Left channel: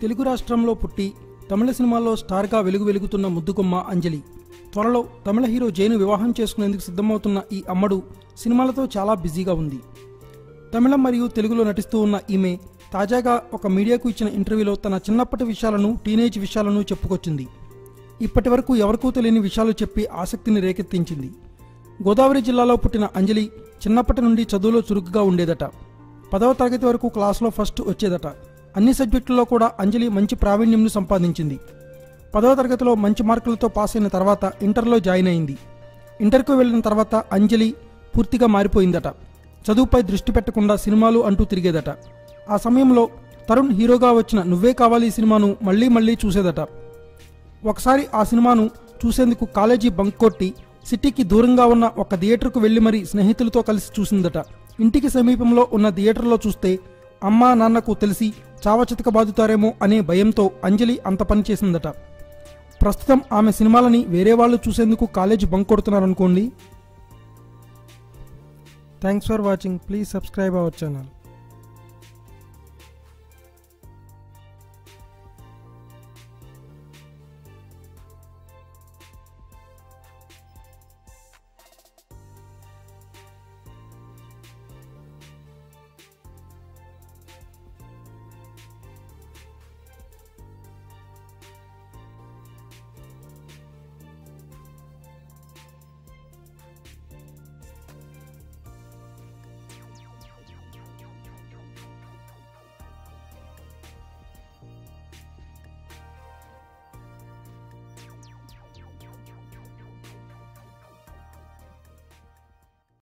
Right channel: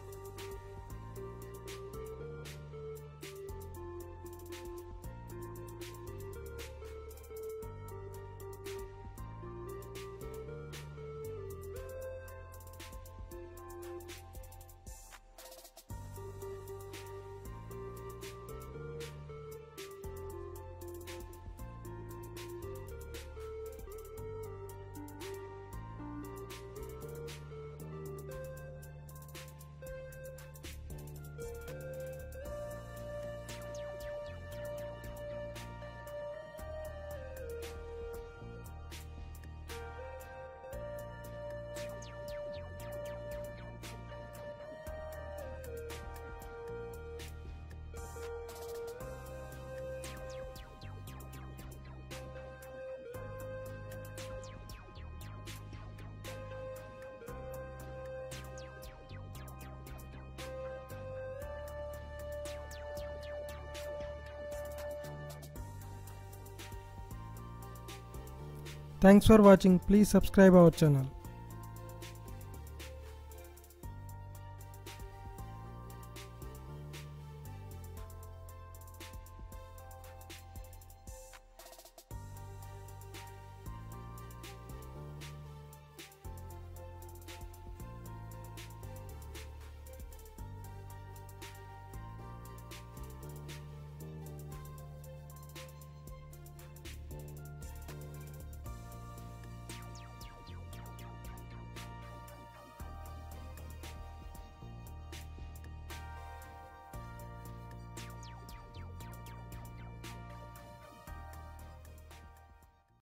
తెలుగు రాష్ట్రంలో పుట్టి తమిళ సినిమాల్లో స్టార్గా వెలుగుతున్న ముద్దుగుమ్మ అంజలి. త్వరలో తమిళ హీరో జైను వివాహం చేసుకునేందుకు సిద్ధమవుతున్న ఈ అమ్మడు సినిమాలతో చాలా బిజీగా ఉంది. తమిళం మరియు తెలుగులో నటిస్తూ ఉన్న ఈమె తాజాగా ఒక మీడియాకు ఇచ్చిన ఇంటర్వ్యూలో తన చిన్నప్పటి విషయాలను, టీనేజ్ విషయాలను చెప్పుకొచ్చింది. ఇప్పటి వరకు ఎవరికూ తెలియని విషయాలు చెప్పి ఆసక్తిని రేకెత్తించింది. గోదావరి జిల్లాలో పుట్టిన అంజలి చిన్నప్పటి నుండి చదువులో చురుకుగా ఉండేదట. 10వ తరగతి వరకు క్లాసులో ఫస్ట్ వచ్చేదట. అన్ని సబ్జెక్టుల్లో కూడా అంజలి మంచి ప్రావీణ్యంను సంపాదించింది. 10వ తరగతిలో మంచి మార్కులతో పాస్ అయిన తర్వాత ఇంటర్లో జాయిన్ అయింది. ఇంటర్కు వెళ్ళిన తర్వాత అంజలి పూర్తిగా మారిపోయిందట. చదువుపై దృష్టి పెట్టకుండా సినిమాలు అంటూ తిరిగేదట. ఆ సమయంలో తరుణ్ హీరోగా వచ్చిన నువ్వే కావాలి సినిమాను మళ్లీ చూసేదట. ఒకసారి ఆ సినిమాను చూసేందుకు కాలేజీ బంక్ కొట్టి సిటీకి దూరంగా ఉన్న ఒక థియేటర్కు వెళ్లి మరీ స్నేహితులతో కలిసి చూసిందట. ఇంటికి సమీపంలో ఉన్న థియేటర్లో చూస్తే అమ్మా నాన్నకు తెలిసి చావచితక బాదుతారేమో అనే భయంతో అంజలి అంత పని చేసిందట. ప్రస్తుతం ఆమె సినిమాలని వేరే వాళ్ళు చూసేందుకు కాలేజీ బంక్ కొడుతున్నారనుకోండి. Thanks for watching. Please subscribe our channel.